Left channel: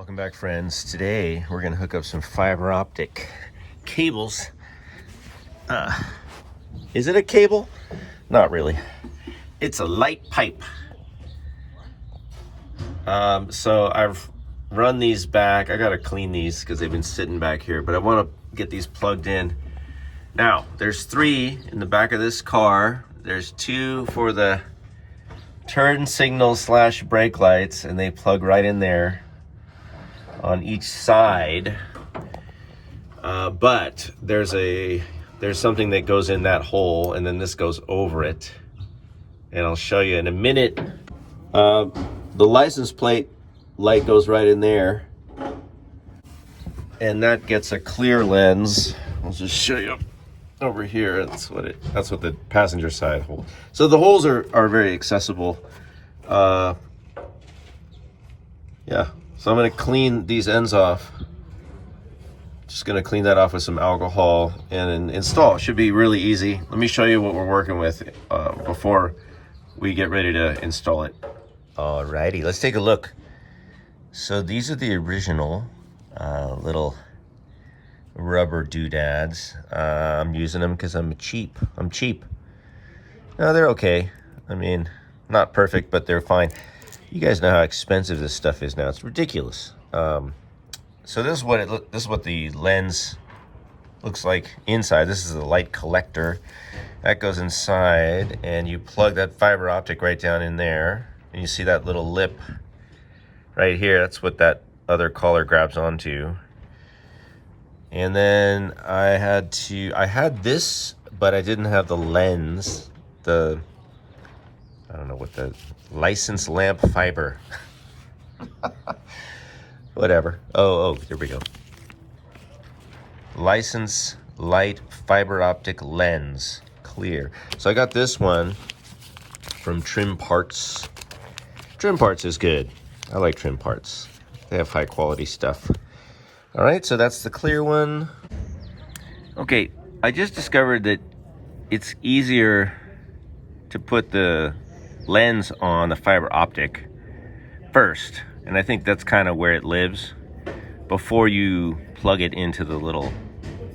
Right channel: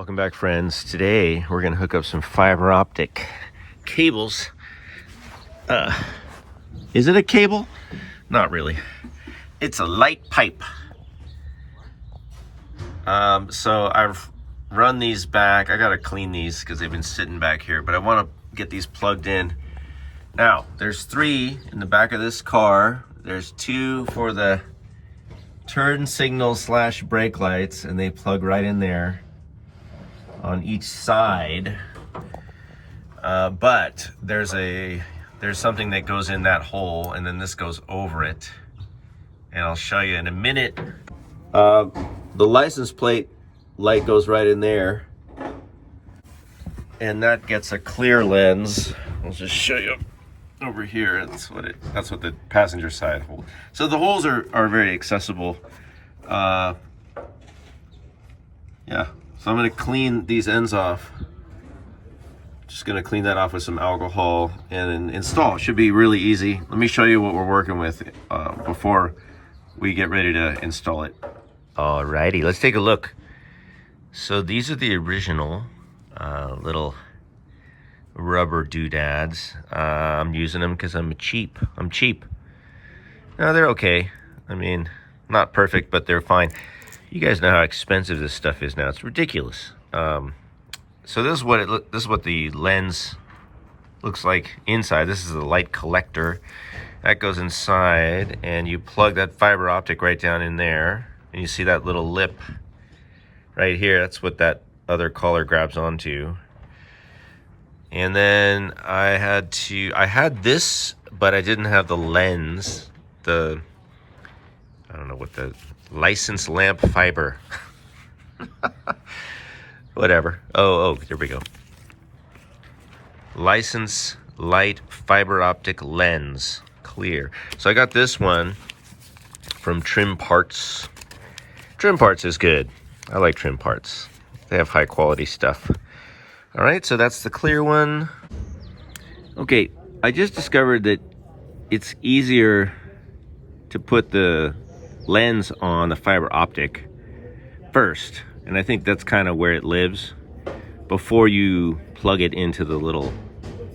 Welcome back, friends. Today we're going to hook up some fiber optic cables. Is it a cable? Not really. It's a light pipe. So I've run these back. I got to clean these because they've been sitting back here, but I want to get these plugged in. Now, there's 3 in the back of this car. There's 2 for the turn signal / brake lights, and they plug right in there on each side. But there's something that goes in that hole, and then this goes over it, and I'll show you in a minute. The license plate light goes right in there, and that gets a clear lens. I'll just show you over here. That's what the passenger side hole. So the holes are very accessible. Yeah. So I'm going to clean these ends off. Just going to clean that off with some alcohol and install. It should be really easy. Let me show you what we're working with before we get ready to install it. Alrighty, let's take a look. So these are the original little rubber doodads. I'm using them because I'm cheap. No, they're okay. I mean, not perfect, but they're fine. You guys know how expensive this stuff is now. It's ridiculous. So this is what the lens looks like inside. This is a light collector that goes inside, and you plug that fiber optic right down in there, and you see that little lip right here. That's what that other collar grabs onto. And then I had this, but I didn't have the lens. I don't know what the license lamp fiber. Whatever. Oh, here we go. License light fiber optic lens, clear. So I got this one from Trim Parts. Trim Parts is good. I like Trim Parts. They have high quality stuff. All right, so that's the clear one. Okay, I just discovered that it's easier to put the lens on the fiber optic first, and I think that's kind of where it lives, before you plug it into the little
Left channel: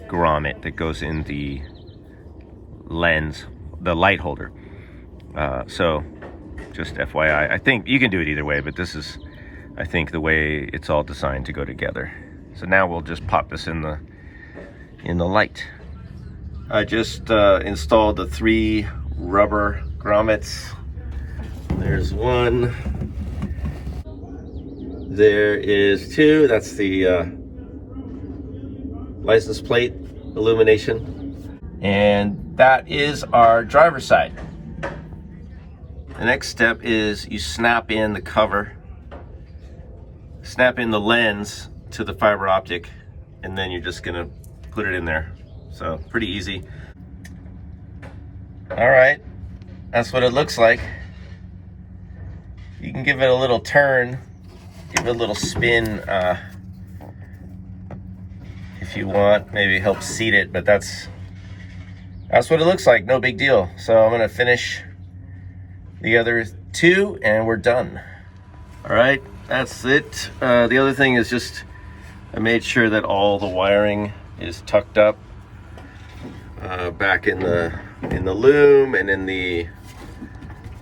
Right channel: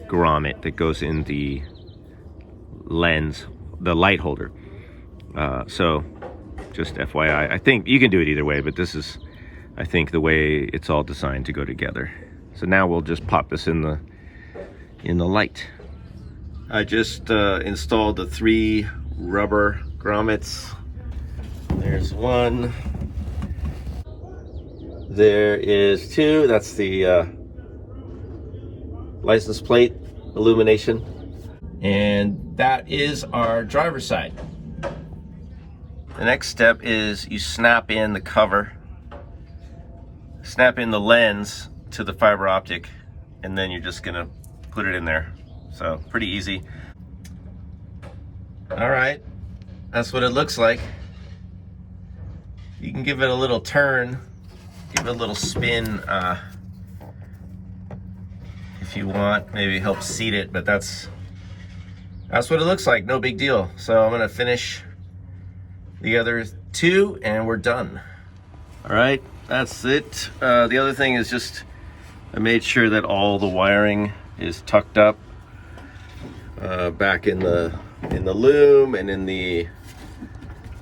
grommet that goes in the lens, the light holder. So just FYI, I think you can do it either way, but this is, I think, the way it's all designed to go together. So now we'll just pop this in the light. I just installed the 3 rubber grommets. There's 1. There is 2. That's the license plate illumination. And that is our driver's side. The next step is you snap in the cover, snap in the lens to the fiber optic, and then you're just gonna put it in there. So pretty easy. All right, that's what it looks like. You can give it a little turn, give it a little spin if you want, maybe help seat it, but that's what it looks like. No big deal. So I'm gonna finish the other 2 and we're done. All right, that's it. The other thing is just I made sure that all the wiring is tucked up back in the loom and in the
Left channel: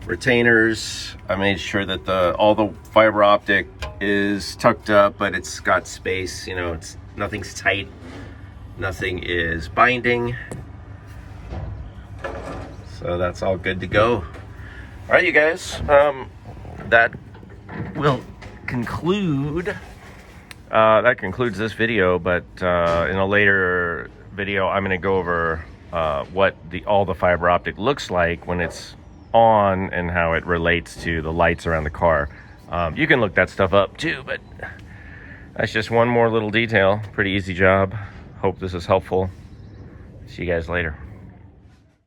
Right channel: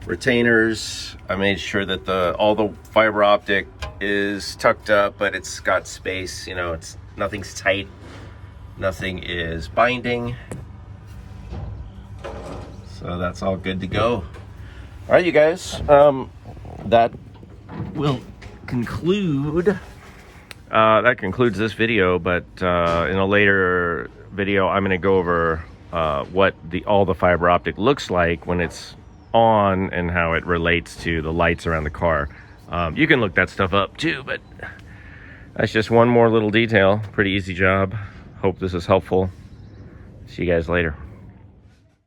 retainers. I made sure that all the fiber optic is tucked up, but it's got space. You know, nothing's tight, nothing is binding. So that's all good to go. All right, you guys. That will conclude. That concludes this video. But in a later video, I'm going to go over what all the fiber optic looks like when it's on and how it relates to the lights around the car. You can look that stuff up too, but that's just one more little detail. Pretty easy job. Hope this is helpful. See you guys later.